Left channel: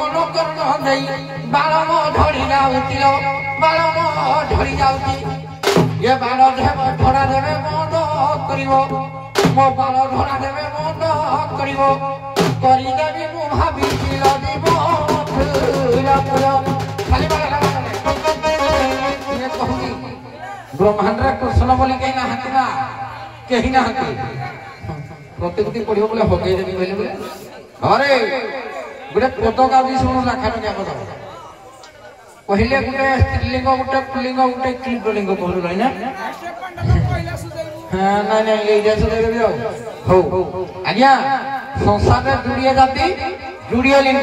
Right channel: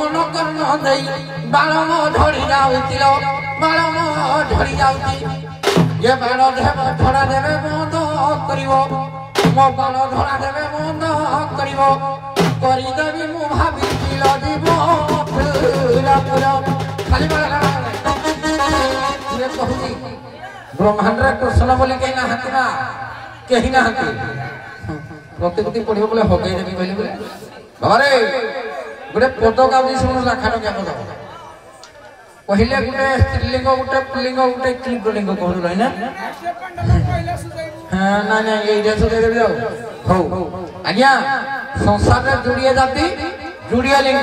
मन कर्ण देई बाण मो धरी जाउतिल बाण मो धरी जाउति ये बाण धरा देवे बंद करिवो मो बाण धरा देवे बंद करिवो करि देबी मु भाबी जीव खाली ब्रह्मांड कृष्ण बोली कहीं ना हाथी ना कहीं ना हाथी प्रत्येक पढ़िब बोले हगई देवी कहले बोले अरे गोटे पद गाँव शुणु लाखा टंकिया पद कहले गोटे स्त्रीलिंग गोटे पुलिंग गोटे क्लिपलिंग कहलु ना हाँ ना ना ये सुधे हो आज्ञा संसार में जुड़िए जाति जुड़िए लिंग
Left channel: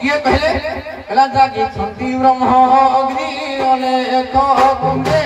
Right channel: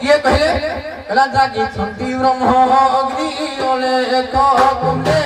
किए कहले कहला जागी छंती ब्रह्म अग्नि अलेख कुंडे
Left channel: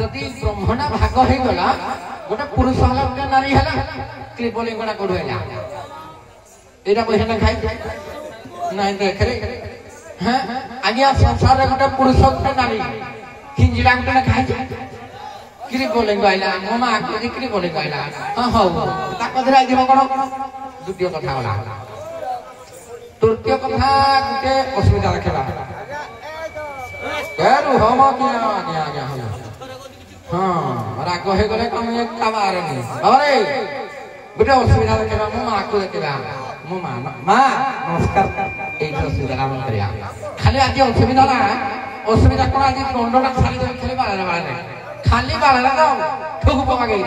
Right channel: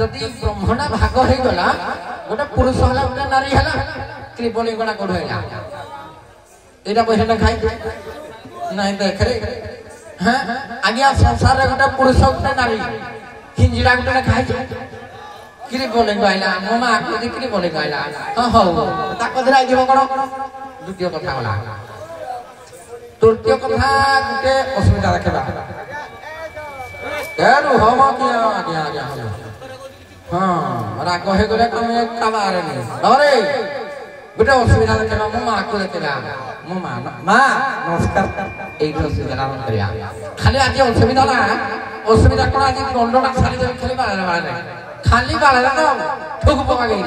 जदि ब्रह्मणा भाग हो गला गोटे पुरुष हला गोटे नारी हला क्लिपलिंग कोना कोड हैला एटा पैसा ना खाई नहीं देख रे हां आज्ञा संसार रे गोटे पुरुष गोटे नारी हिंजिडा गोटे ना खाई क्लिपलिंग आइला ममा को क्लिपलिंग आइला हां हो ताको धराई दिबो कोन द्वितीय कथा गला तृतीय कथा गोटे असुविधा रखेला यार हम क्या हाँ राग हो गले कम एक काबारे नहीं अरे गोटे असुविधा रखेला मो मां को रखेला मो मां मां नमस्कार एई असुविधा हम करिया खाली आज असुविधा ना असुविधा कोन आज दंडटा खाली खाली बाळा खाली बाळा का ठोक पका गई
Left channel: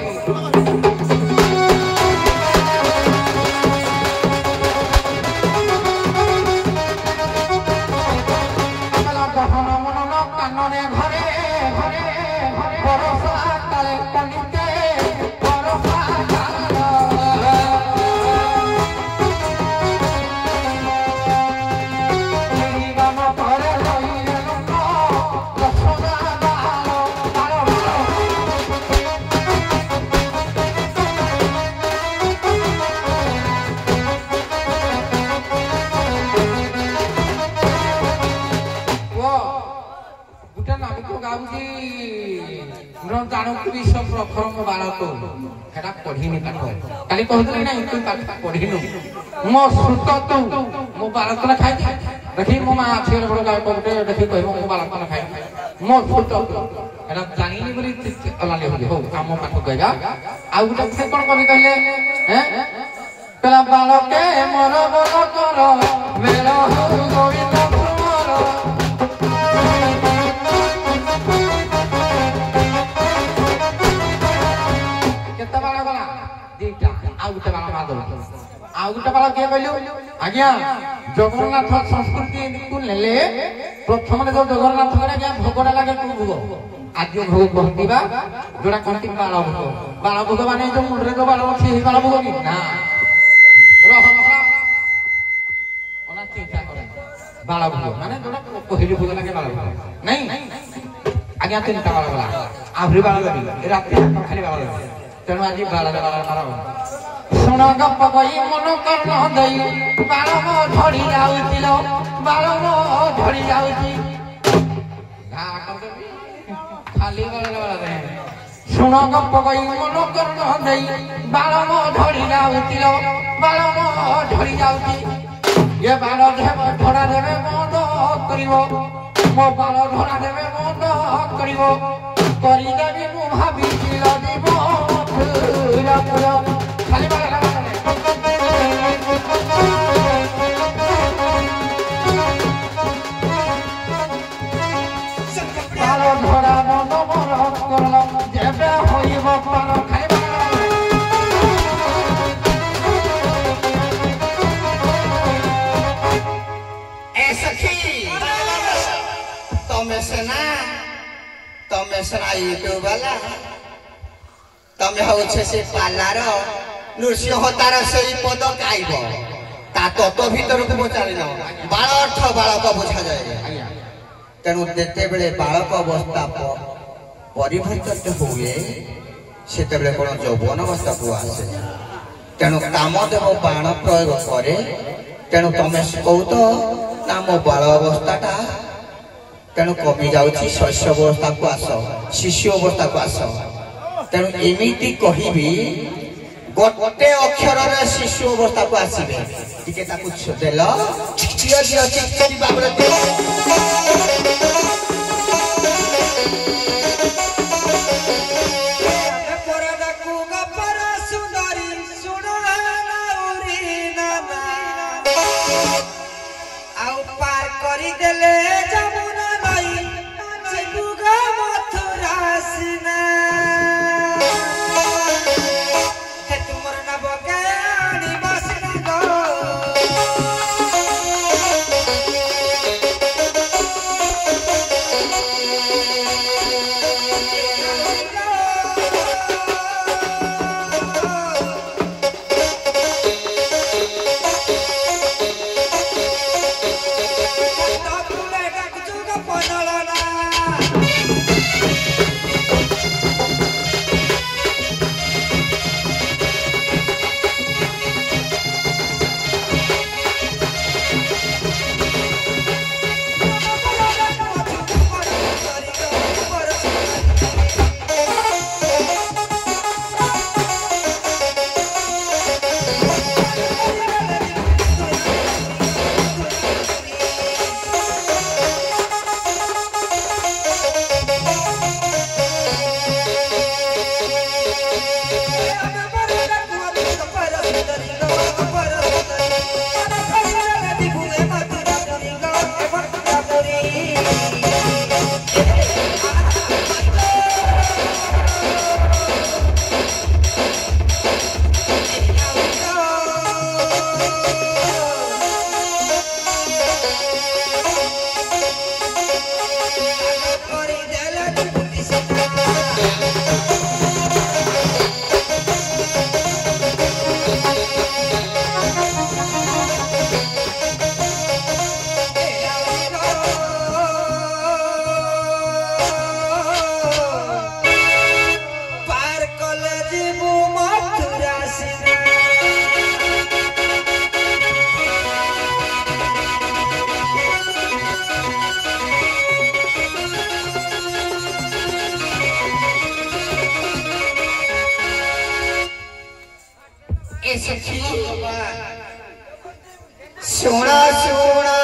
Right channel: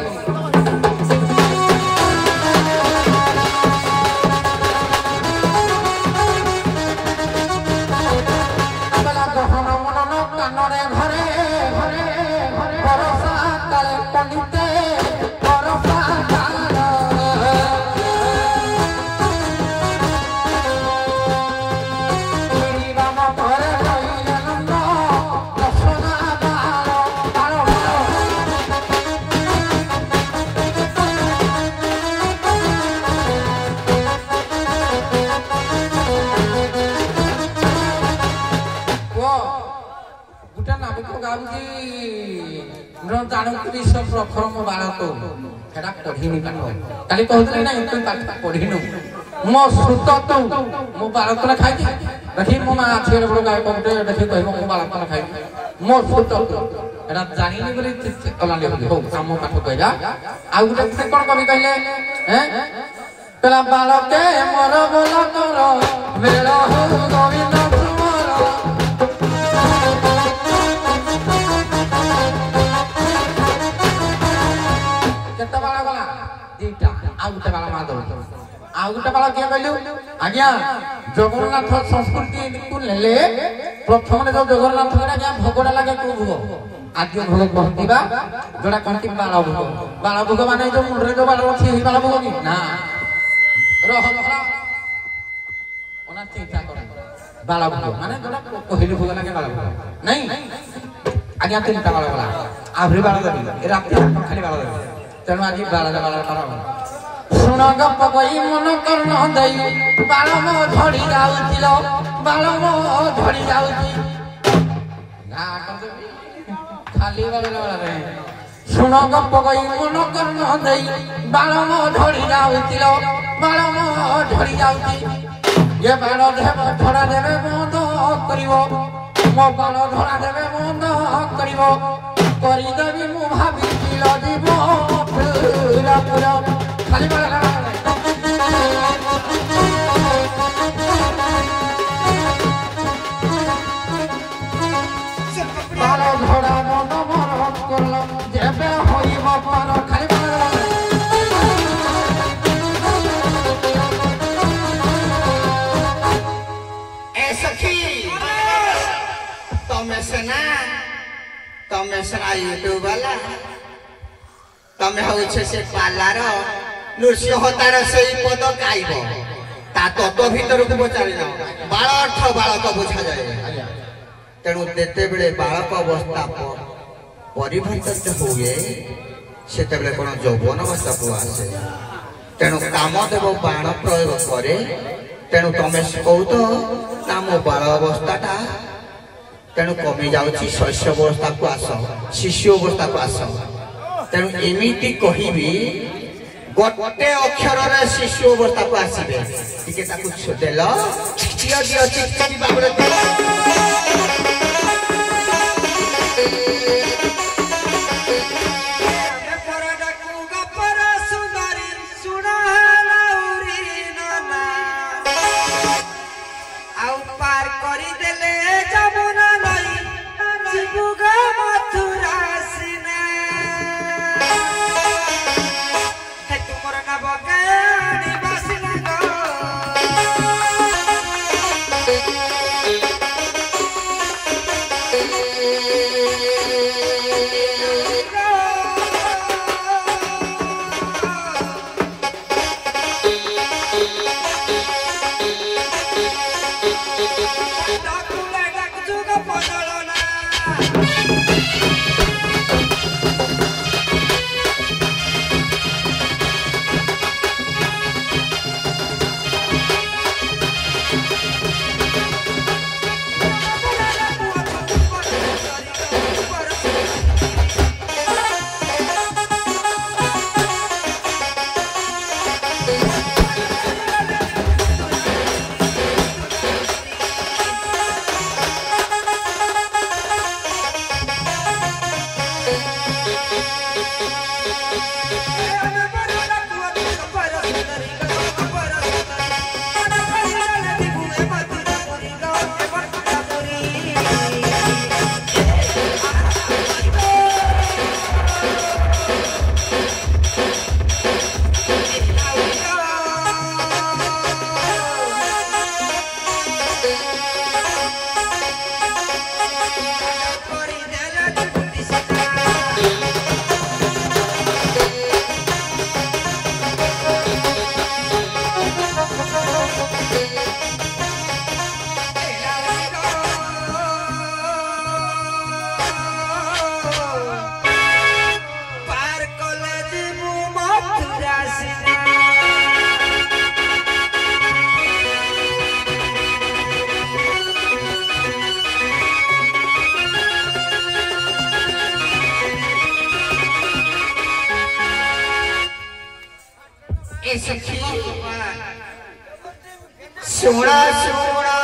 काली कहते ना तू पाठ पढ़िनु मो सुत तू मो बालक ना खाई देखी मो मां छेर बड़ गाय कोटे देखी कहबो मो बालक ना खाई मो सुत एटा जानिनी बोली तलाली हो हम काम कइला आ गुटे से कोन कवि कहले हैं तला बालके मोर बोल कर मेरा हो गोविंद कुमार केते बाला गला दीटा आ गुटे बाला मादल आ गुटे बाला के कहलु आज्ञा जगन्नाथ संस्कृति को लेले प्रथम जो जगन्नाथ के भोगड़ा लागे को भोग आज भोग कहतिबा जोड़ा कहति बाला भोग माने जो मुंडरे जो बाला अछि ही बाला भोग नि ना रह ओना चिंता करे बाला भोग माने जोड़ा पहिली भोग लागे बाला भोग नहीं आज्ञा चिंता बाला आभरी बाला लागे रात खाली बाला लागे तेणु आज बाला सुन गप कई मन कर्ण देई बाल मो झड़ी जाउतिल बाल मो झड़ी जाउति खाली बाला रे सुन गप कई मन कर्ण देई बाल मो झड़ी जाउतिल बाल मो झड़ी जाउति ये बाल धरा देवे बंद करिवो मो बाल धरा देवे बंद करिवो करि देबी मु भाबी जीव तमे होछे से पालार नृसिंहतार से पद गाइब ता तत्व भीतर को पचारि न बाल अर्थ बालक बुझा जाए तेणु देते बेले बालक अवस्था परिवर्तित हुए सेते बेले कोन यौवन अवस्था को आसे तेणु कामदेव बाण प्रयोग करे तेणु तमे कहू तो नाम बाल अवस्थाटा तेणु कमी जाउछि शस्य अवस्था को आस शिशु अवस्था को आस तेणु एमिति कहिबी गोटे अक्षर रे शिशु अवस्था को आसीबे टिके ताकू छदेल दियो दियो चिकचिक बाबरे सोना सोना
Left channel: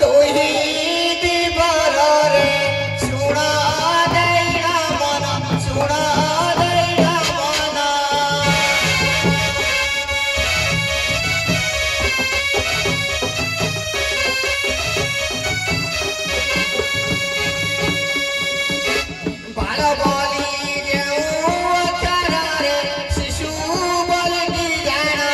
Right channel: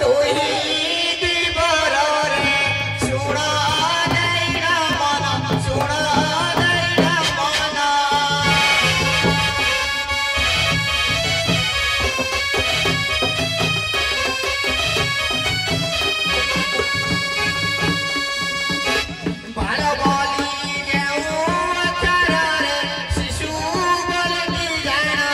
तू ही दीवार रे सोना दैना मन सोना दैना मन बाल बाली जेऊ तारा रे शिशु बोलनी जाना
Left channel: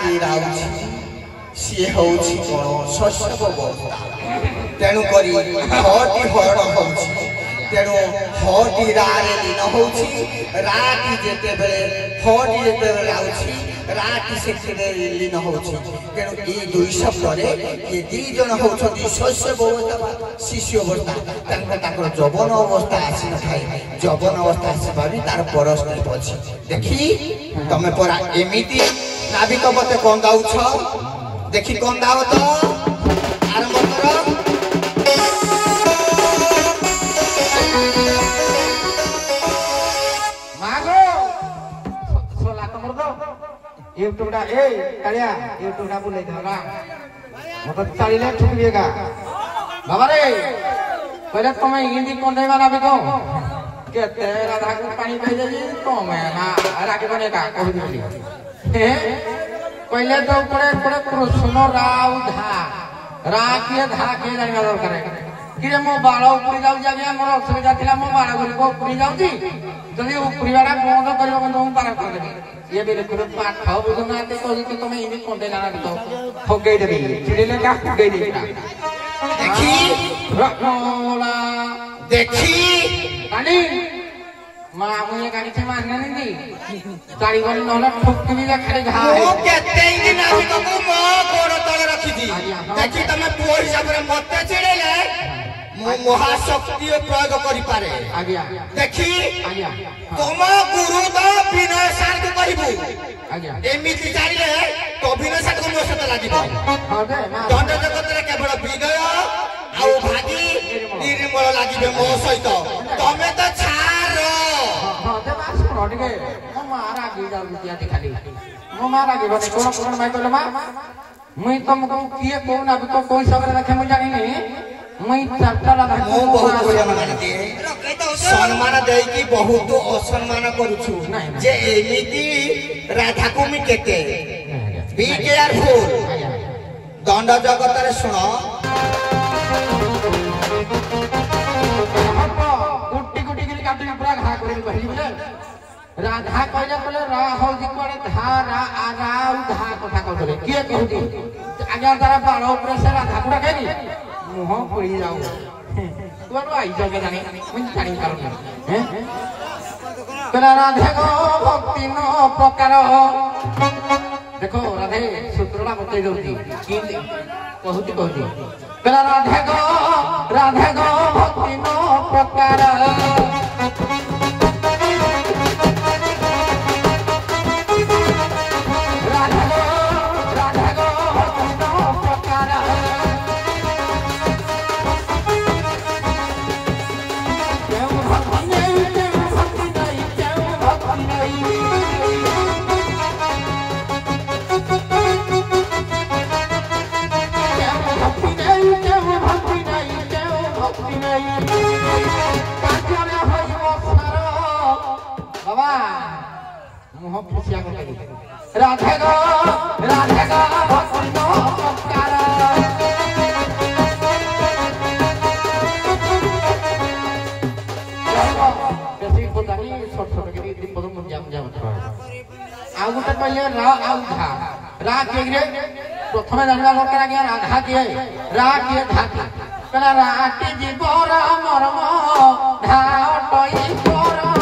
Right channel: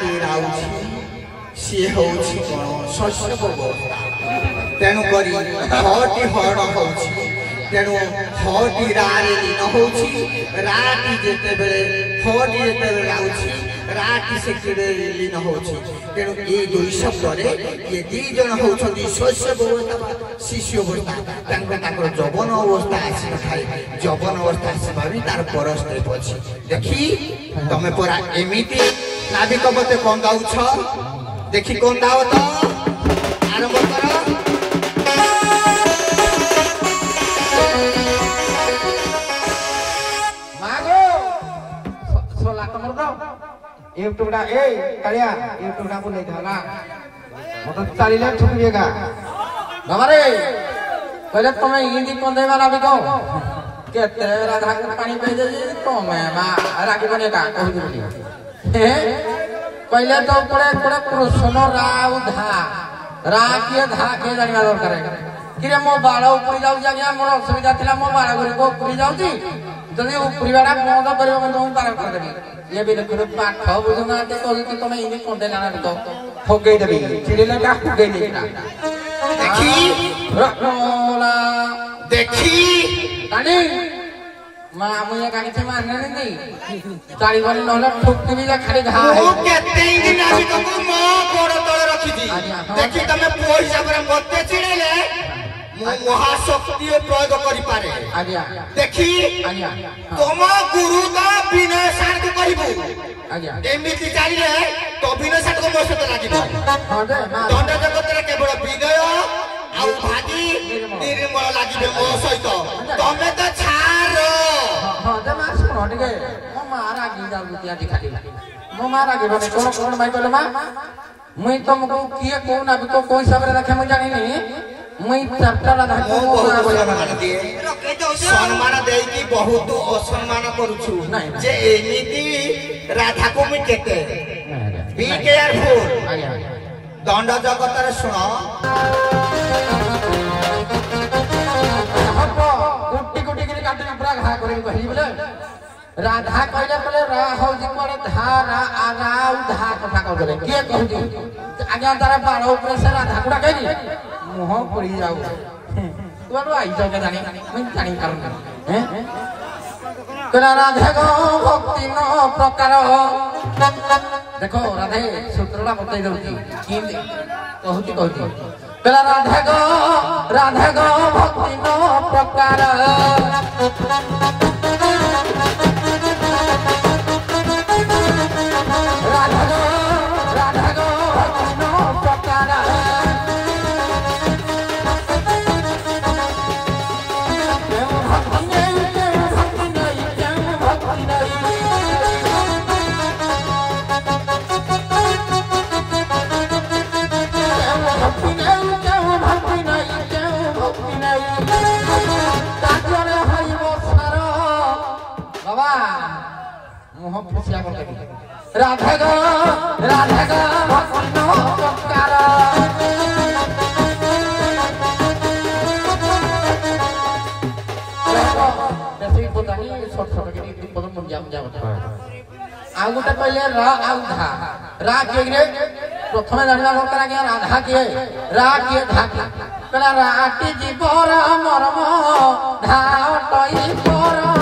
ରାତି ରାଉଛି ସିଏ ହଉଛି କଣ ଶସ୍ୟ ଅବସ୍ଥା ତେଣୁ କରି ହଟି ହରଣ ହଉଛି ତେଣୁ ହଟି ରାରେ ଲୀନ ହଉଛି ରାଟି ଯେତେବେଳେ ହଟି ଯେତେବେଳେ ଆଉଛି ରାଟି ସେଥିରେ ଲୀନ ହଉଛି ତେଣୁ ଏଇ ଦୁଇ ଶବ୍ଦରେ ଏ ଦି ଜଣ ହଉଛନ୍ତି ଶସ୍ୟ ଅବସ୍ଥା ବା ଶିଶୁ ଅବସ୍ଥା ତାଙ୍କର ଯୌବନ ଅବସ୍ଥା ଆସିନଥାଏ ଯୌବନ ଅବସ୍ଥା ଆସିବା ବି ତାର ପରସ୍ପର ଅଛି ଦେଖି ତମେ ପରା ଏମିତି ନାବିକ ମତେ କନ୍ଦାଉଛ ଦେଖି କନ୍ଦାଅ ତ ଆରମ୍ଭ କର एक टुकड़ा ए कड़िया एक टुकड़ा बोले था ना मतलब 40 लाख ठुकरिएगा बाबा रे पहले तुम्हें हिंदी कौन देगा ना बिको के तेरा राधा को पानी भेजे तो मैं मां रागे बनेगा कह दी पहले तो पूरे कृष्ण राव धा के जानिबा दरकार किरे मो बाळ उपरी जाउ जानिया मोर असुविधा थिला मो बाळ गुरी को उपरी जाउची जदी उपरीवाडा बंद करबो बंद हम तार कर देबी ये भी देखो पाठ बुझना ते कहू तुम इनी कोंडे ना तो ठोके देबी चिड़िले का ठोके देबी देखी रत्नोला देखी कानी मां मुझे गाड़ी से मारना नहीं गाड़ी वाली नहले ठोकी भी खाली घा है ओ केते दिन आसी तो मो बड़ तळे रखी दी देखी तमे पुओ हिसाब रे मते चिड़ेले मो महाशक्ति प्रयोग करि पारे आज्ञा देखी आज्ञा तुम गुरु दा विनय सार को कहबू आज्ञा एमिति जानिले तो विनय सार को मो सते लागिबो हां दे दंड जगत रे केवल विनय आउ भागी निर्मल लागिबे मो सहित तमे तो छार हां दे मास रोडगे मो मारा गिदार बिटिया दिखाली मो मारा गे बने कोन भाई कहले मा मुई तुमको किए कोन अभी को कोई हिसाब रे रखे मु जानि नहीं मुई चारटा राधा मो बहुत बोले मान दिए सम्मान देई की बहुत असम्मान करूछु जे एमिति राधा को मी केते बी केयरफुल दंड जगत रे सुनो कुटी कुटी के काटी पूरा घा करे कहली बोले राधा कहले बोले रा हो जी कोन धारा आराउ धा कथा कहले के कहूती आज्ञा तारे बाळ ऊपर से राधा कुडा कहली मुह पड़ी जाऊ तुआडो आई जाके जानी मैं जानी करूं हैं कला राधे गो भक्ति नो प्रकार देखो राधे सूत्रला बतई दउती की कहूती कला राधे गो भक्ति नो प्रकार राधे गो भक्ति नो प्रकार बेसी बोतानी छोट के पद मुंजा आ गोटे पहले रा आउ धा के रे प्रथमे जानिबा दरकार कि राधा के रा के धा के कला राटी जीवर मर्म धा टई परम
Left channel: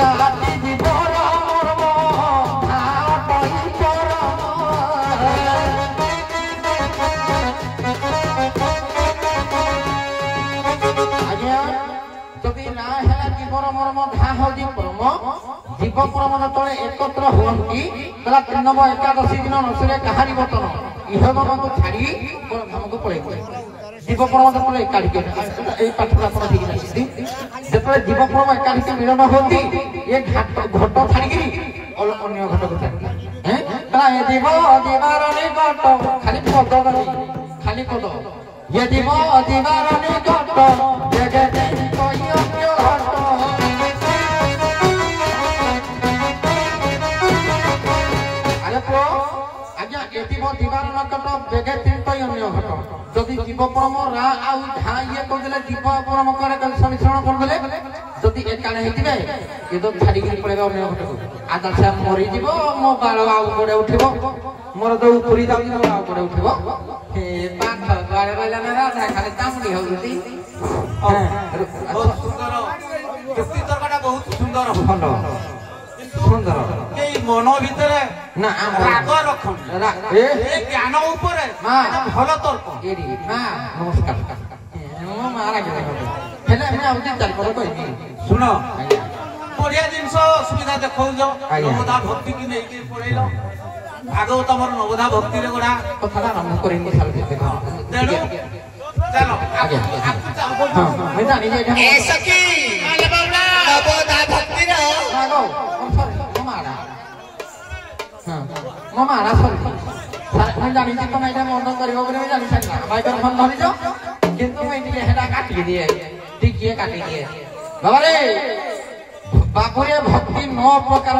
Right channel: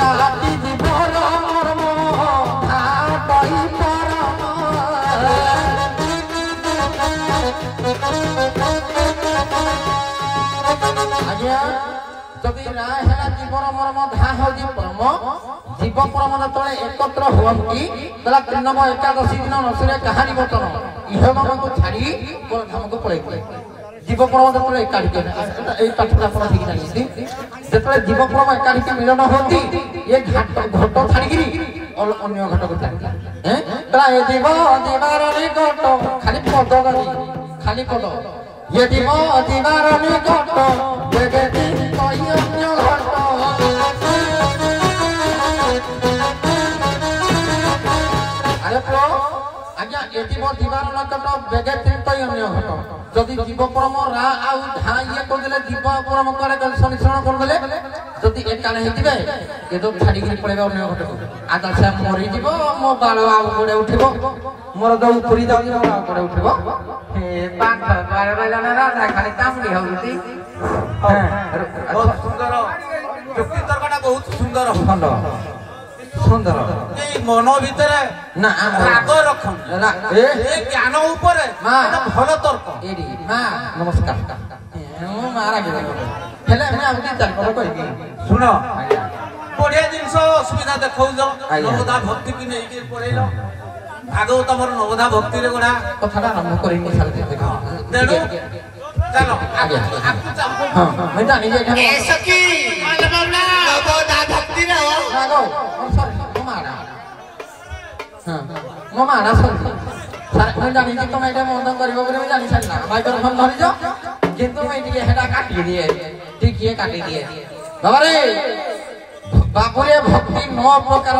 राटी जीवर मर्म धा टई परम आज्ञा जदि ना हैला जीवर मर्म धा हो जी परम जीव परम तले एकत्र हुअंती तला तीनम एकादशी दिन नसरे कहानी बतन इह को छाड़ी कोन धाम को पळे जीव परम तले एकाठी के ए कथा कोन ठीक नहीं जतले जीव परम एकाठी के मिलन होती ये घाट घट छाड़ी गिरी और अन्य घट को छाड़ी हैं तला ए जीव दीवार रे घट खाली पद गनी खाली पद ये जीव दीवार रे घट जगे कोई अन्य घट आज्ञा एटी मो दीवार नकट बेगे तीन कोई अन्य घट जदि जीव परम रा आउ धा ये को देले जीव परम करे संरक्षण कर देले जदि एका କାଣ ହେଇଥିବେ ଏ ତ ଛାଡ଼ିକିରି ପଳେଇବେ ଅନ୍ୟ ଘଟକୁ ଆଦା ସେ ମରିଯିବ ମୋ ବାଳ ଆଉ ଗୋଡ଼େ ଉଠିବ ମୋର ତ ଉପୁରି ଯାଉଛି ମୋ ଆଉ ଗୋଡ଼େ ଉଠିବ ହେ ପାଖ ବାଳ ରହିଲା ନା ଖାଲି କାମୁଡ଼ି ହଉଛି ବହୁତ ସୁନ୍ଦର ଯୁକ୍ତି ତର୍କଟା ବହୁତ ସୁନ୍ଦର ଭଲ ସୁନ୍ଦର ଏଇ ମନ ଭିତରେ ନା ରାଗ ରଖୁନି ଏ ଜ୍ଞାନ ଉପରେ ଭଲ ତର୍କ ଏଇଠି ମା ନମସ୍କାର ମୁଁ ମା ରାଗିବ ହେଲେ ଆମେ ଆଉ ଦି ଚାରି ପଦ କହିବି ଶୁଣ ବଢିଆ ଜିନିଷ ଅସୁବିଧା ଦେଖଉଛ ନବଦା ଭକ୍ତି କି ନେଇକି ପଳେଇଲ ଭାଗବତ ତମର ନବଦା ଭକ୍ତିରେ ଗୋଟା କଥାଟା ଆରମ୍ଭ କରିନି ତେଣୁ ଚାଲ ଏ ସଖୀ ନବଦା ଭକ୍ତିର ମୋ ମାରା ସରି ମୁଁ ଜାଣିଛି ତମେ ଏଇଟା ମନ କରିବ ବୋଲି ମୁଁ ଜାଣି ସାରିଲା ମାଇକ୍ରୋଫୋନ ଧରିଛ କିନ୍ତୁ ମୁଁ ଟିକେ ସେଟା କାଟି ଦିଏ ଟିକିଏ କାଟି ଦିଏ ବାବାରେ ବାବୁରେ ଭକ୍ତି 9 ପ୍ରକାର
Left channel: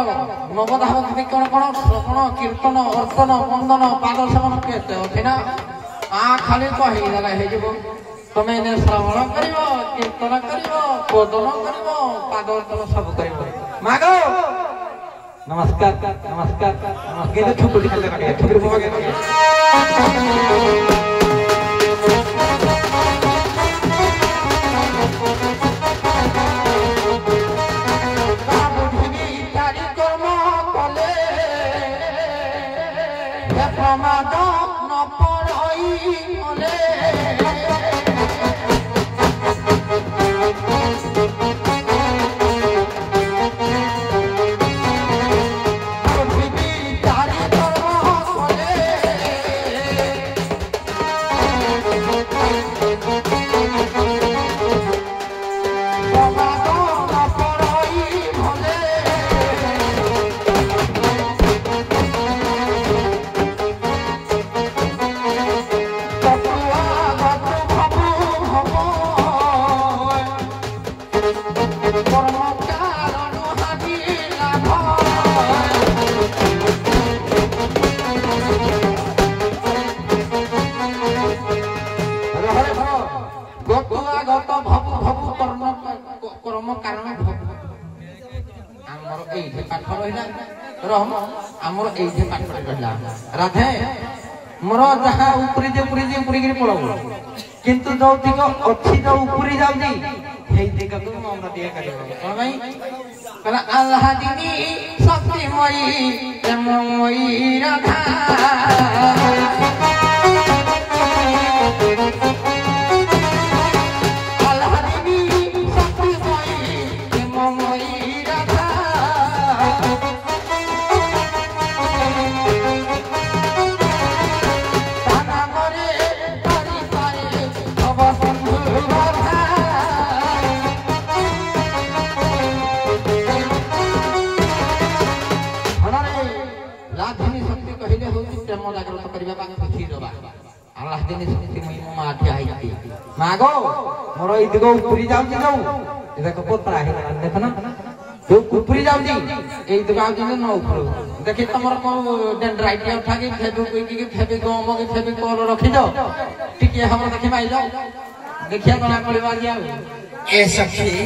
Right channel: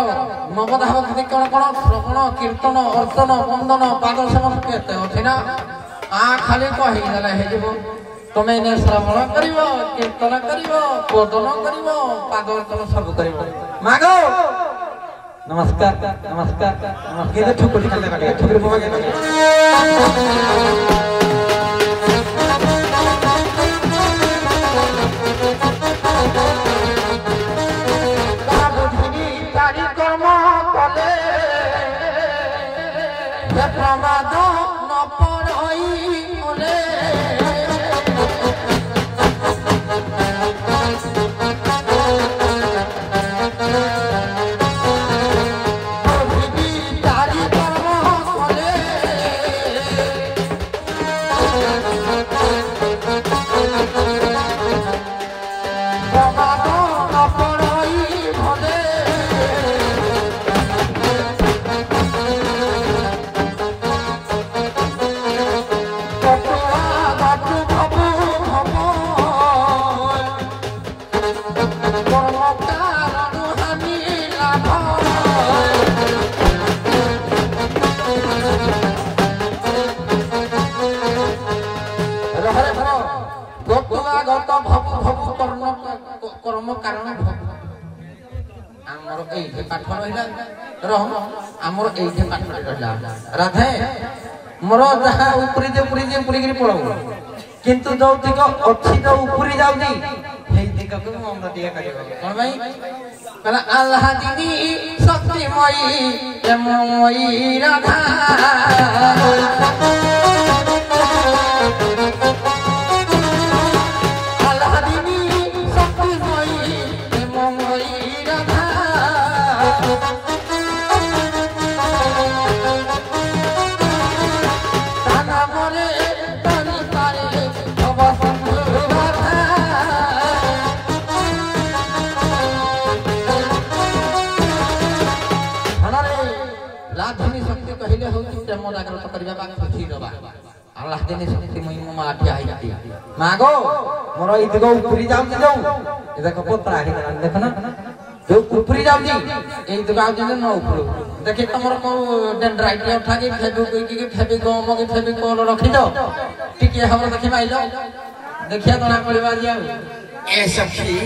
ନବଦା ଭକ୍ତି କଣ କଣ ଶ୍ରବଣ କୀର୍ତ୍ତନ ଅର୍ଚ୍ଚନ ବନ୍ଦନ ପାଦ ସେବନ କେତେ ଅଛି ନା ଖାଲି କହିଦେଲେ ହେଇଯିବ ତମେ ଏନେ ଶ୍ରବଣ କରିବ କୀର୍ତ୍ତନ କରିବ ବଦନ କରିବ ପାଦ ଅର୍ଚ୍ଚନ ସବୁ କରିବ ମାଗ नमस्कार नमस्कार नमस्कार ठुकुरी खाजा काटे ठुकुरी बाबा के तारी कर्म कले प्रमाद न पड़ई ओले राधे मोर जहाँ उपरी पुरी पड़ो किंतु जो दिग अच्छी जो उपरी जाऊनी हे दिग को मन दिया करियो कोन भाई कहला अल्लाह दीदी शक्तिमयी प्रेममयी राधा अल्लाह दीदी शक्तिमयी प्रेममयी राधा मागो मोर इदगो उपरी जाउची जाऊ ए देखो पत्रा हे देख ना जो उपरी जाउची ए इदगो आउची न ऊपर देखि तमर को डेंड्राइट उठा के फेबु की फेबि गम के फेबि कोल रखि दो टिके हम देखि माइलो देखिया बना परिवार या ए सखी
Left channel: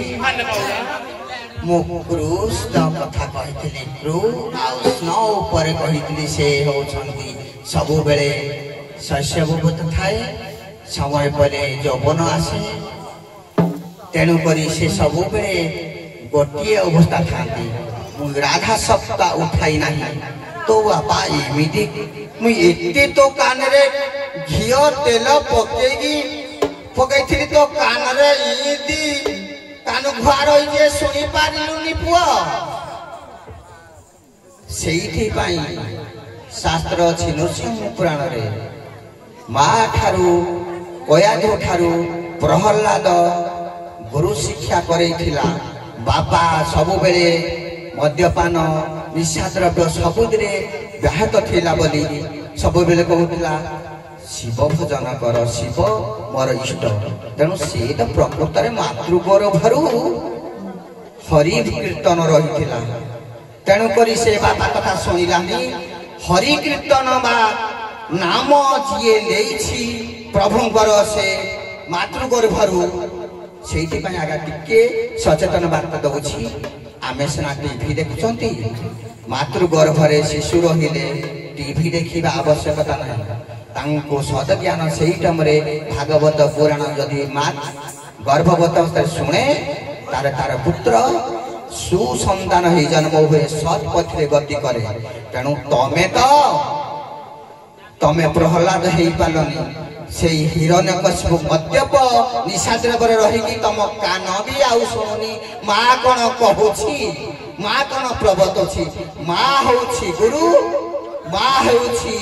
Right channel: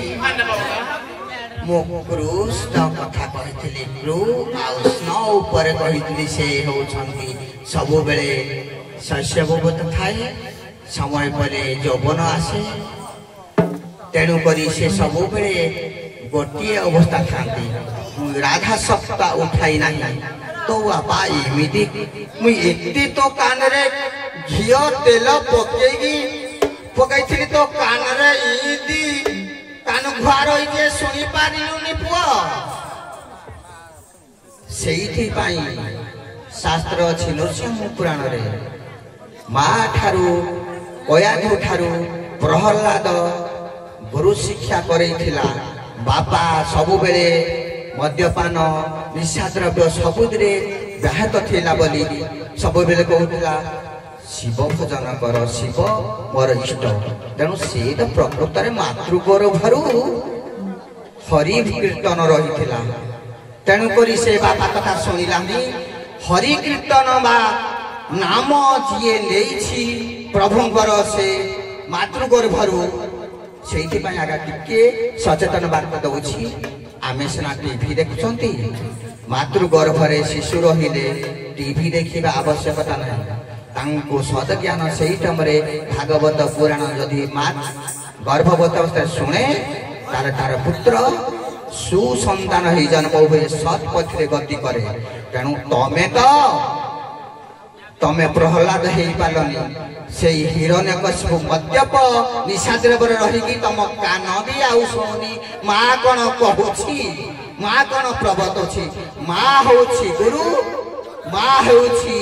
मो पुरुष द कथा कहितली प्रो आउ स्नो ऊपर कहितली से होछंती सबो बेले शस्य बोबत थाए समय परे यौवन आसे तेणु करी से सबो बेले गोटिए अवस्था थांती राधा सप्ता उठाई नहीं तो बापा एमिति मु एते तो कान रे घियो तेल पकई तो कान रे इदी कान घुआर जे सुनी पारिलुनी पुआ सेइथि पाई शास्त्र अछि नृसिंह पुराण रे मा ठारू कयाधु ठारू प्रहलाद गुरु शिक्षा करैथिला बापा सबु बेले मद्यपान निशा द्रव्य सबुदरे व्याहत थिला बोली सबु बेले कहूला शिव भजन कर शिव मोर इष्ट तेणु से तो प्रकृत मातृगर भरू हरि कीर्तन रही तेणु करी से बापा कथा शुणिलानी हरि कीर्तन बा नाम जी नहीं प्रभुंकर से मातृगर भरू ସେଇଥିପାଇଁ ଆଜ୍ଞା ଟିକେ ସଚେତନ ବାର୍ତ୍ତା ଦଉଛି। ଆମେ ସିନା ଟିଭି ଦେଖୁଛନ୍ତି, ମାତୃ ଗର୍ଭରେ ଶିଶୁ ରହିଲେ ଟିଭି ଦେଖିବା ଆବଶ୍ୟକତା ନାହିଁ। ତାଙ୍କୁ ସଦଜ୍ଞାନ ସେଇ ଟାଇମରେ ଭାଗବତ ପୁରାଣ ଯଦି ମା ଗର୍ଭବତ ଅବସ୍ଥାରେ ଶୁଣେ, ତାର ତାର ପୁତ୍ର ସୁସନ୍ତାନ ହେଇ ଜନ୍ମ ହୁଏ, ସତ୍ ପଥରେ ଗତି କରେ। ତେଣୁ ତମେ ପ୍ରହ୍ଲାଦ ହେଇପାରିଲନି, ସେଇ ହିରଣ୍ୟକଶିପୁ ମଦ୍ୟପ ନିଶାଦ୍ରବରେ ରହିକି ତମ କାନ ବି ଆଉ ଶୁଣୁନି। ମା କଣ କହୁଛି, ମା କଣ ପ୍ରବର୍ତ୍ତଉଛି। ମା ହଉଛି ଗୁରୁ, ମା ହେଉଛି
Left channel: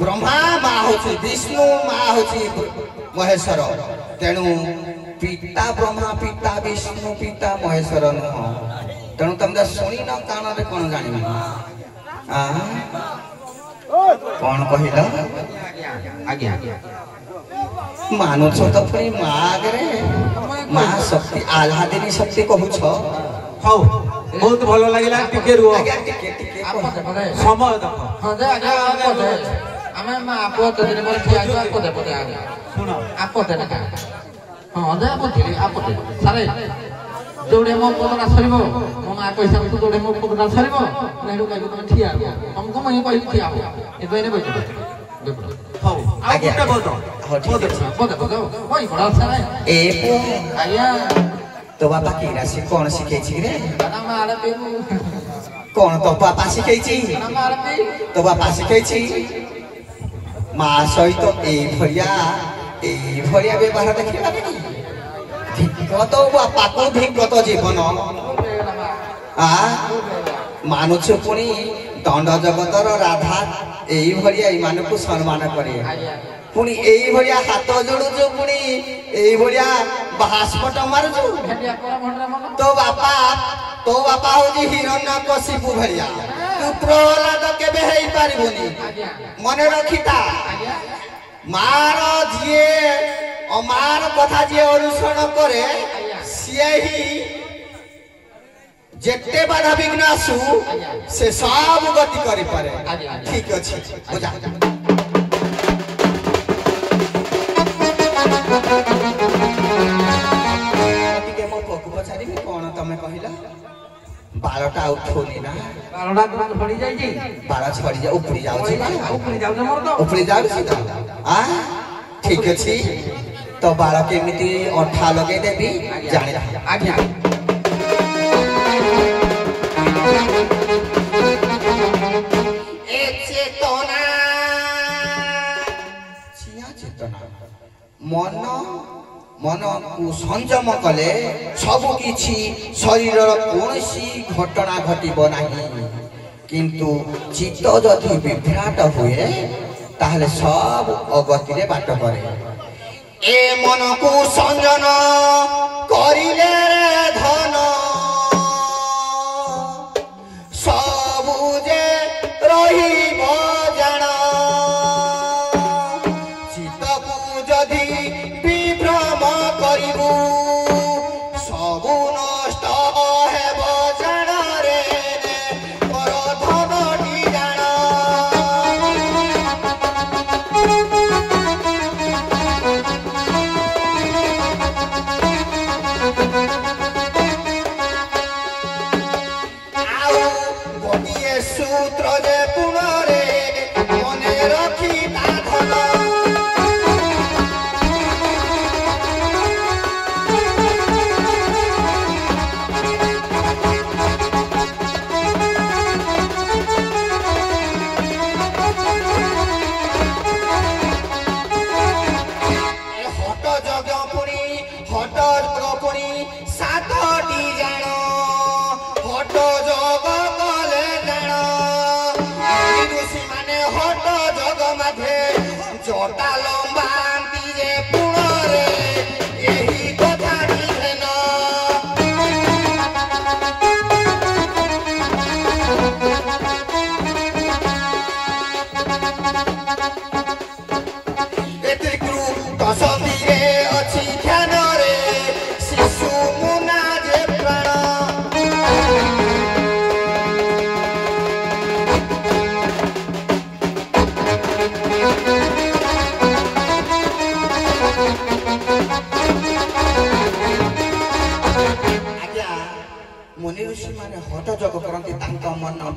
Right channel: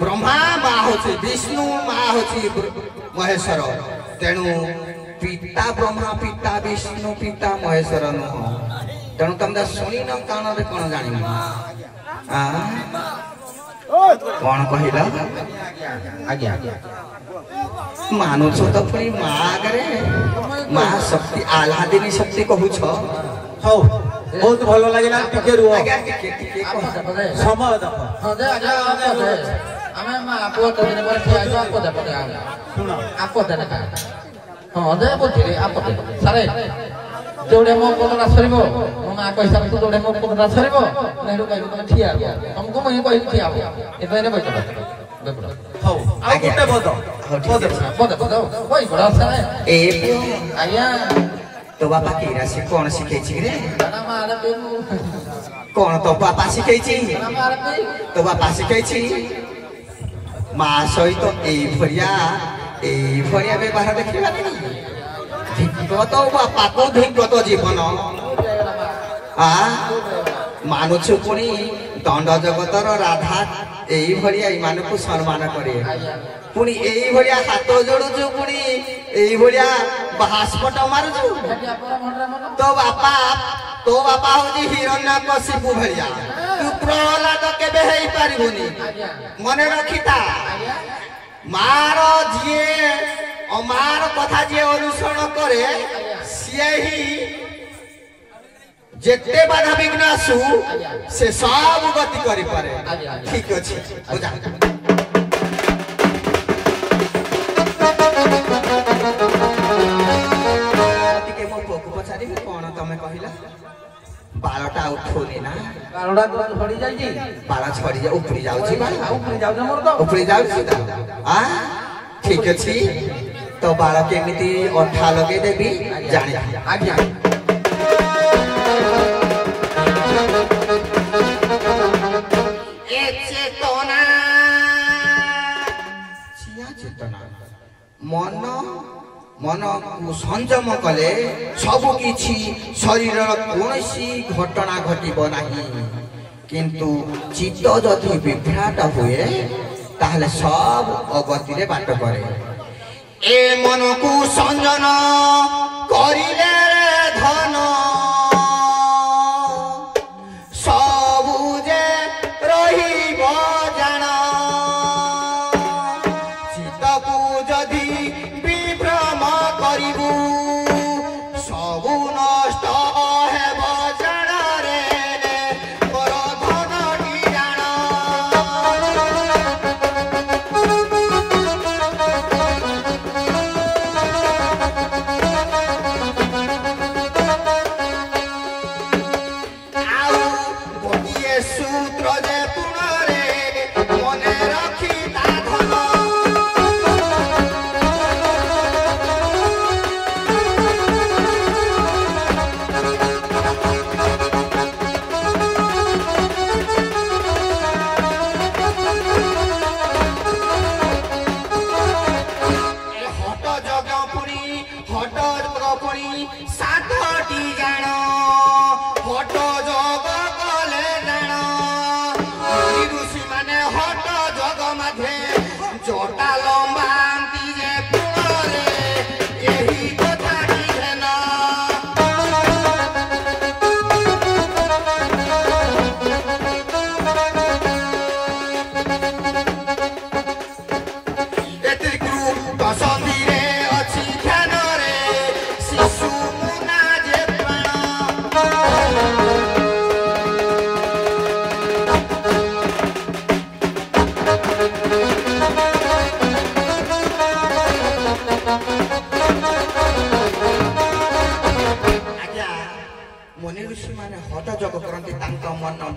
ବ୍ରହ୍ମା, ମା ହଉଛି ବିଷ୍ଣୁ, ମା ହଉଛି ମହେଶ୍ୱର। ତେଣୁ ପିତା ବ୍ରହ୍ମା, ପିତା ବିଷ୍ଣୁ, ପିତା ମହେଶ୍ୱର ନୁହଁ। ତେଣୁ ତମେ ଶୁଣିନ, କାନରେ କଣ ଜାଣିନ? କଣ କହିଲ? ଆଜ୍ଞା ମାନୁଛ ତ ପୁଣି ମା ଆଗରେ ମା ଶକ୍ତି, ଆହ୍ଲାଦିନୀ ଶକ୍ତି କହୁଛ। ହଉ, ବହୁତ ଭଲ ଲାଗିଲା। ଟିକେ ରୁହ, ସମୟ ଦେଖ। ଆମେ ମା ପୁଅ ତିନି ପରେ ଠିଆ ହେଇଛୁ। ଆପଦେ ପଦେ ଶୁଣ, ଆପଦେ ଲେଖା ହଁ ଦେ ବୁଝିଲି। ଆପଦେ ସାରେ ଯୋଉଠି ମୋ ପଦଟା ସରିବ, ମୋ ମା କହିଲା ଯୋଉଠି ମୋ ପଦଟା ସରିବ, ମୁଁ ଏଠୁ କହିବି ତମେ ଠିଆ ହବ। ତମକୁ ମୁଁ ହିଁ କହିବି ଠିଆ ହବ। ଏବେ ଏନେ ବୈଠ ହଉ, ଆଉ ଗୋଟେ ପଦ ଆଜ୍ଞା। ତୋ ବାପା କି ରାଶି କଣ ଶିଖେଇଛି କି ରେ? କଣ ତୋ ବାପା ଶିଖେଇଛି? ତୋ ବାପା ଶିଖେଇଛି ମା ସହିତ ଏଇଭଳିଆ ବ୍ୟବହାର ଦେଖିବାନି। ଧିକତ ବାପାକୁ ଧିକତ ଜୀବନ। ମାନୁଛୁ ପୁଣି ଦଣ୍ଡ ଜଗତର ରାଧା এইভଳିଆ ଏମାନଙ୍କୁ ସମ୍ମାନ କରେ। ପୁଣି এইଭଳିଆ ହାତ ଯୋଡୁଛୁ, ପୁଣି এইଭଳିଆ ବାଷ୍ପଟ ମାରୁଛୁ। ତୋ ବାପା ହଉଛି ହିରଣ୍ୟକଶିପୁ ଭଳିଆ। ତୁ ପ୍ରହ୍ଲାଦ କେବେ ହେଇପାରିବୁନି, ମନେ ରଖିଥା। ମାର କଥା ଯିଏ ଅନୁସରଣ କରେ, ସିଏ ହିଁ ଯେତେ ବାଧା ବିଘ୍ନ ଆସୁ ସେ ସବୁ ଗତି କରିପାରେ। ଠିକ ଅଛି, ଟିକେ ମୋ ପୁଅକୁ ପଚାରିବି, କଣ ତମେ କହିଲ? ବାଳଟା ଉଠୁନି ନା? ବାଳଟା ଛଡି ଯାଇଛି। ବାଳ ଛଡି ଉପରି ଯାଉଛି, ଉପରି ଯାଉଛି ତ। ଠିକ ଅଛି, ତ ବାଳ କେମିତି ଅଠା ଲଗେଇଦେବି ଜାଣି। ଆଜ୍ଞା ମନକୁ ସଂଯମ କଲେ ସବୁ କିଛି ଶରୀରର କୌଣସି ଘଟଣା ଘଟିବ ନାହିଁ। କିନ୍ତୁ ଚିତ୍ତ ଯଦି ବିଭ୍ରାଟ ହୁଏ, ତାହେଲେ ସବୁ ଅଗତିରେ ବାଟ କରେ। ଏ ମନକୁ ସଂଯମ କରିଲେ ଧନ ସବୁ ଯେ ରହିବ ଜାଣ। ଚିତ୍ତକୁ ଯଦି ବିଭ୍ରମ କରିବୁ, ସବୁ ନଷ୍ଟ ହେବ ଜାଣରେ, ମୋର ଧନଟି ଜାଣ।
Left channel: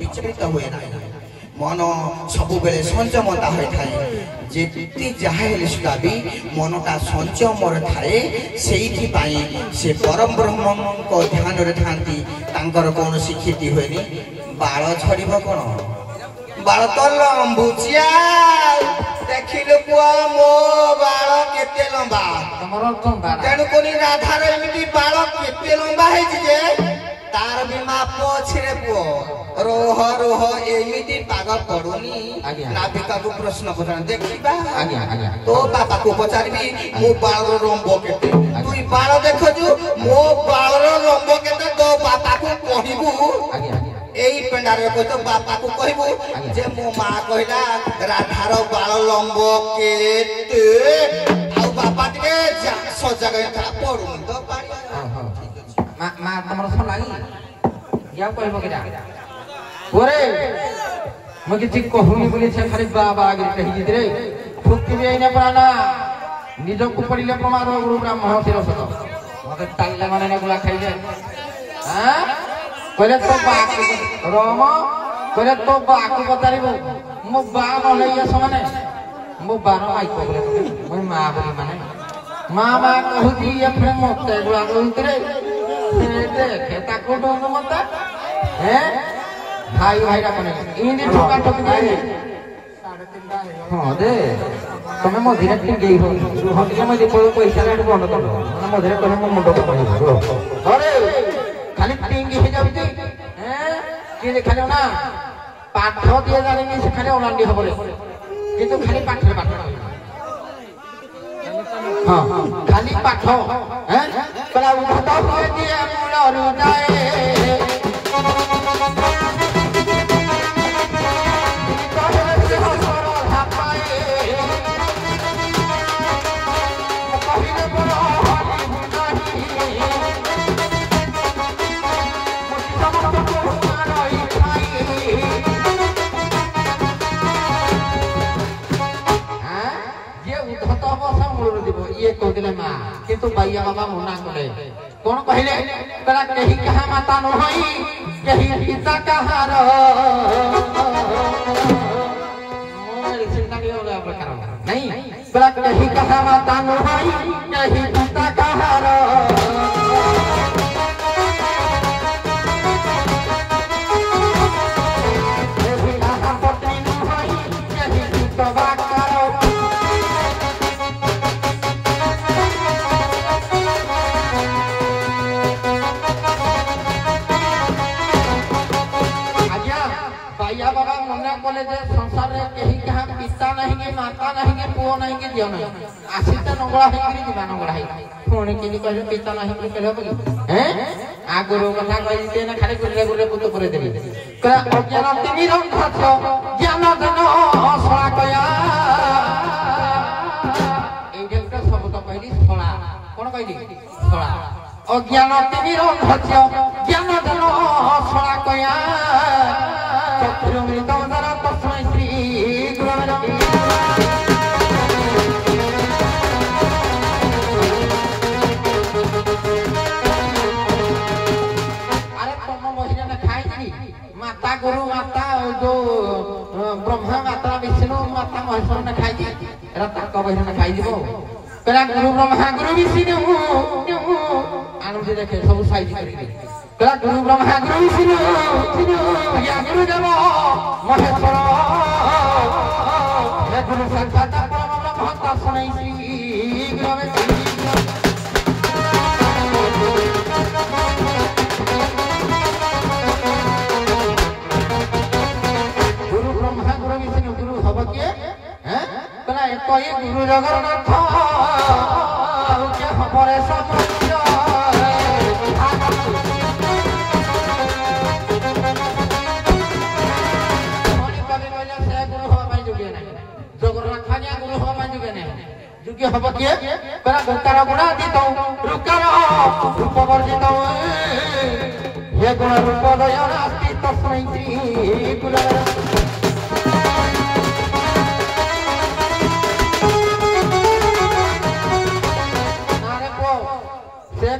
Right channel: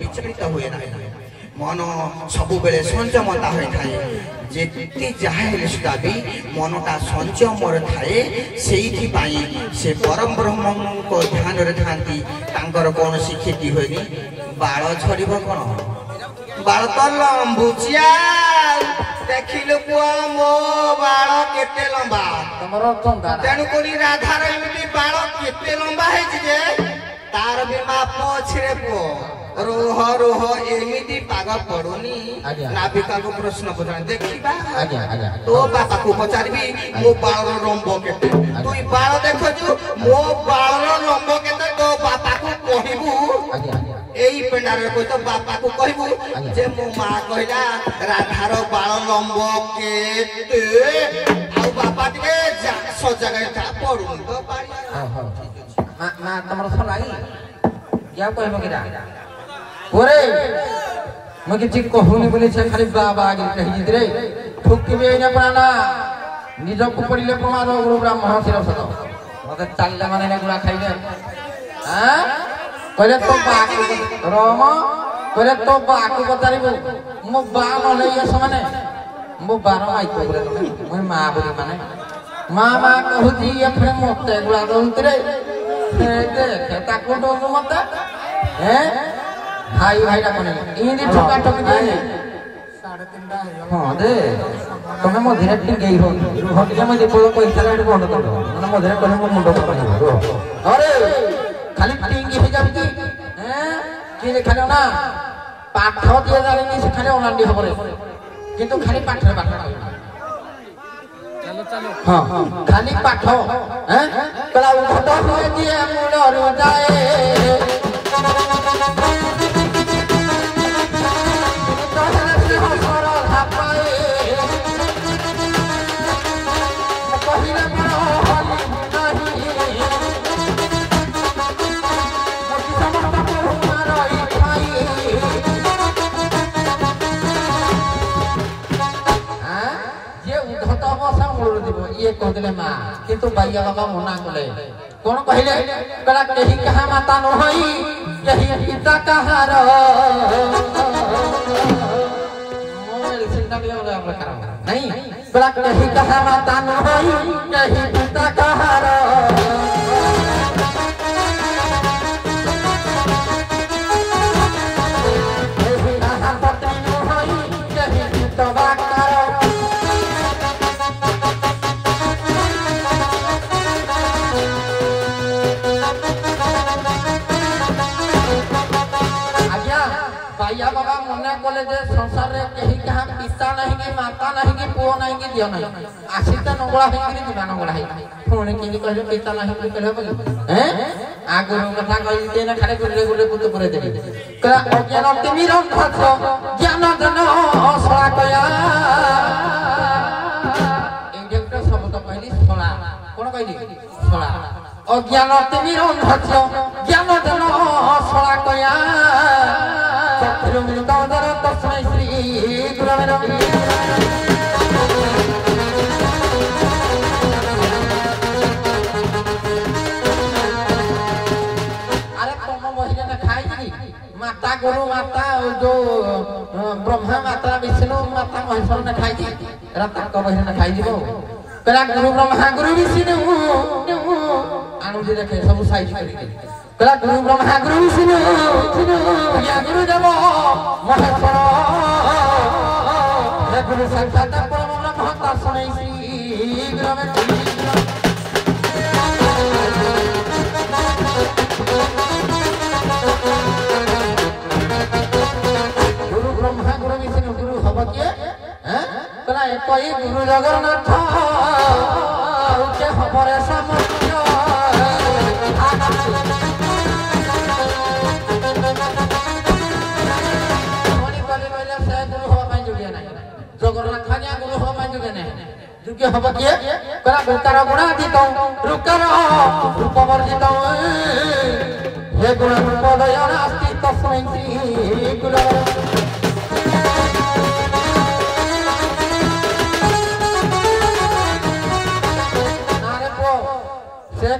विचलित हुए ना मन सब बेले संयमता होता है जेती जहाँ सुधा भी मनटा संयमर थाए से परम ब्रह्म को ध्यान था कौन क्षति हुए बाल झड़ कौन बाल तो लंबुचिया देखिलु पुआ मो बाल केते लंबा तेणुक राधार एमती बाल केते लंबा है तार भी माप छे पुओ रोह रोह एमती पाग पड़ुनी नाविका को प्रश्न पचार देखिबा तो बापा को पचारबी मो बाल रंबो केते तुई बाल देखजु मो बाल रंबो केते तो बापा को कहिबू एई पेंडार को तो बापा को कहबू जे मो मां कहला राधार बाल लंबो केते आ बापा के सजगे पड़ू तो मां तमर सलाई या कहबो किरा ओरे म कि ठीक कहूनी बोली से खाली बाबा आगे कहि जितरे ठुकी भी आइना पराना निज को पड़िले प्रमाद गुरु ब्राह्मण शिर सत मते ताल्ला माने नेगुला खाइले हां कहले तो बाक रम कहले तो बाक बतारिबो मो बा नले ये समाने मो बारो माई कोगले मो मां बोली माने मां कहूती ये फिर मते गुला दउतरे देख ताको दो मते हैं भाई भाई रामने इंदी ठोका ठोक नहीं 3:30 हां दे तमे मधुरा टिक गई हो हटिले मधे को पैसा रेट बंद कर दो मधुरा कोले मन मुंड को पड़ी अरे खाली टिंग हे जाबी हैं कि देखालो ना पाठ दिया जानी से खाली ओलांडी हबले किंतु खाली पाठ हां खाली पाठ हैं कला उठता हुए दिए मुंड रु जाए ये कहले मां किंतु भैया बाबा मना करे कोन कहले करा केही कहा माता न होई केही पिता कहा रो मोर चिंता के वाला प्रकार नहीं करा केही कहा माता न होई केही पिता कहा रो दियो नहीं आसीता नंगला है कि दिबा नंगला है फोन के लिए कहले पिता नहीं कि कहले बोल हैं आ गुरु कथा कहि दे ना खाली गुरु गुरु पुत पुरे देबे करा अज्ञान तिमी रंग खछ ज्ञान जन सळा कया ए जेतो शब्द कहली सळा कोन कहली सळा अज्ञान तिमी रंग खछ ज्ञान जन सळा कया चतुर मृत दर तस्मै श्री गुरु गुरु माता जो ब्रह्मा माता विष्णु माता महेश्वर ने खाई थी रात को बहिन ने खाई दिबो करा गुरु ब्रह्मा गुरु विष्णु आनंद देखे सब साइज करी करा गुरु ब्रह्मा गुरु विष्णु या गुरु देव महेश्वर हे गुरु साक्षात परम ब्रह्म तस्मै श्री तो ये गुरु जगन्नाथ के खबरे समुद्र मणि परे बोले से गुरु हो पाई जुगे नहीं जगन्नाथ खानिया गुरु हो पाई जुगे नहीं जुगे हब के करा गुरकार गुणा दितो रुकर रूपवर दितो हे गुण रूप दया नास्ति तस्मै श्री गुरु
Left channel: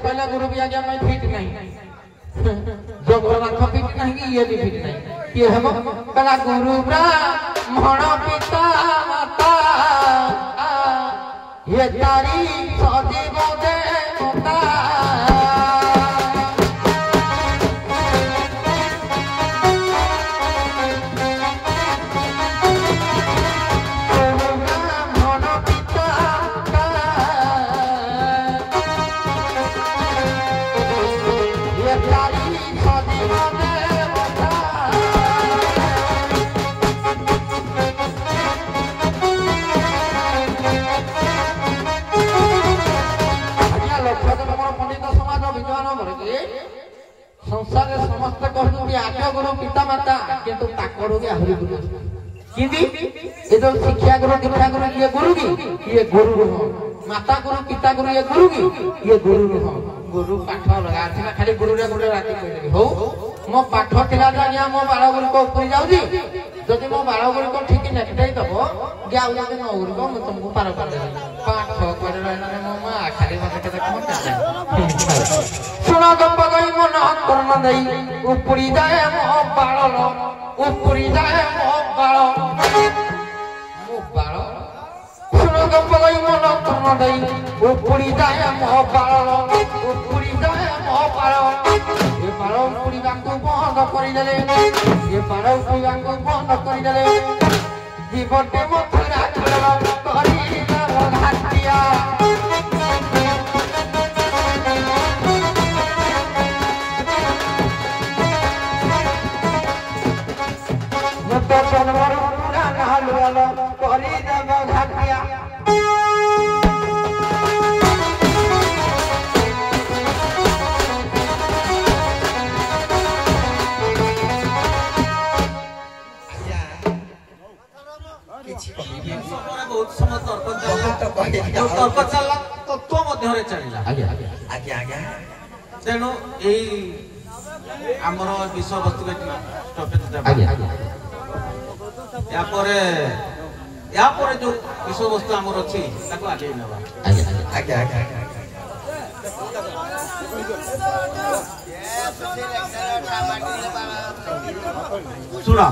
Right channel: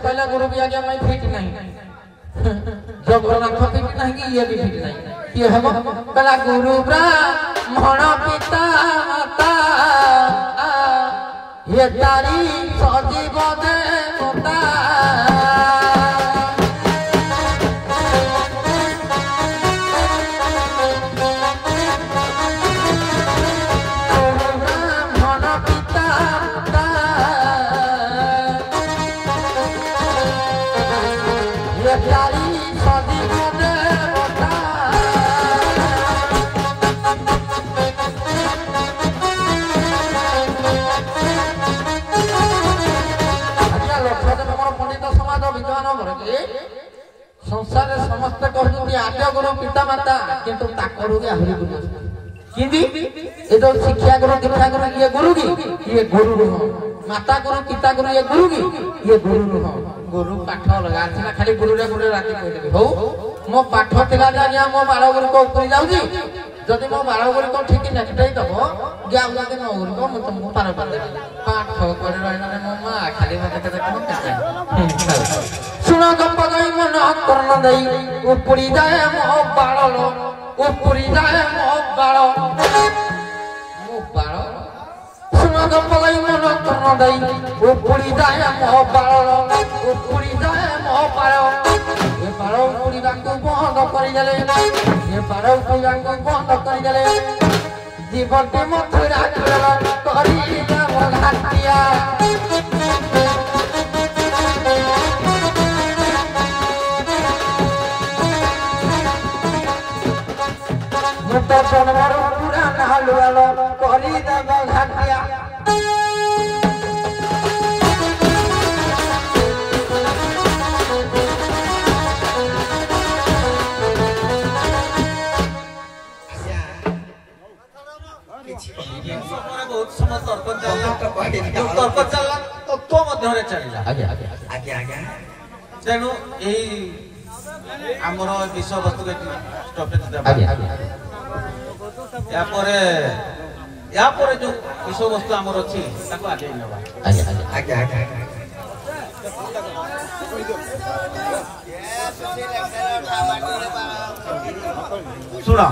पहले गुरु भी आगे मैं फिट नहीं जगन्नाथ फिट नहीं ये भी फिट नहीं ये किए हम कला गुरु ब्राह्मण पिता माता ये तारी सजीव देवता ब्राह्मण पिता ये तारी सजीव देवता संसार समस्त कहते आद्य गुरु पिता माता किंतु ताकरू भी आहुरी गुरु किंदी ये जो शिक्षा गुरु दीक्षा गुरु ये गुरु की ये गुरु नुह माता गुरु पिता गुरु ये गुरु की ये गुरु नुह गुरु पाठ लगा थिला खाली गुरु रे गुरु राती कहबी हो मो पाठ थिला जानिया मो बाळ गुरु को ऊपर जाउजी जदि मो बाळ गुरु को ठीक नेक्टई दबो ग्याउ जदि मो गुरु को मु तुमको पार कर देबी पाठ करे रहने मो मा खाली मते देखो सुनो गप गई मन कर्म दई उपरी जाए मो बाळलो उपरी जाए मो बाळ सुनो गप गई मन कर्म दई उपरी जाए मो बाळलो उपरी जाए मो बाळ ये बाळ उपरी गांगु बंद करि देले ये बाळ उपरी गांगु बंद करि देले जीवनटे मथुरा करि घाटिया मुतो जनवर पूरा नालु आलो करि देब घाटिया बहुत समय तर्क चलला तत्व मध्य चलला आज्ञा आज्ञा तेणु यही आमर विषय वस्तु स्टॉपेज या जो विषय वस्तु आमर अच्छी आगे नवा आज्ञा सुना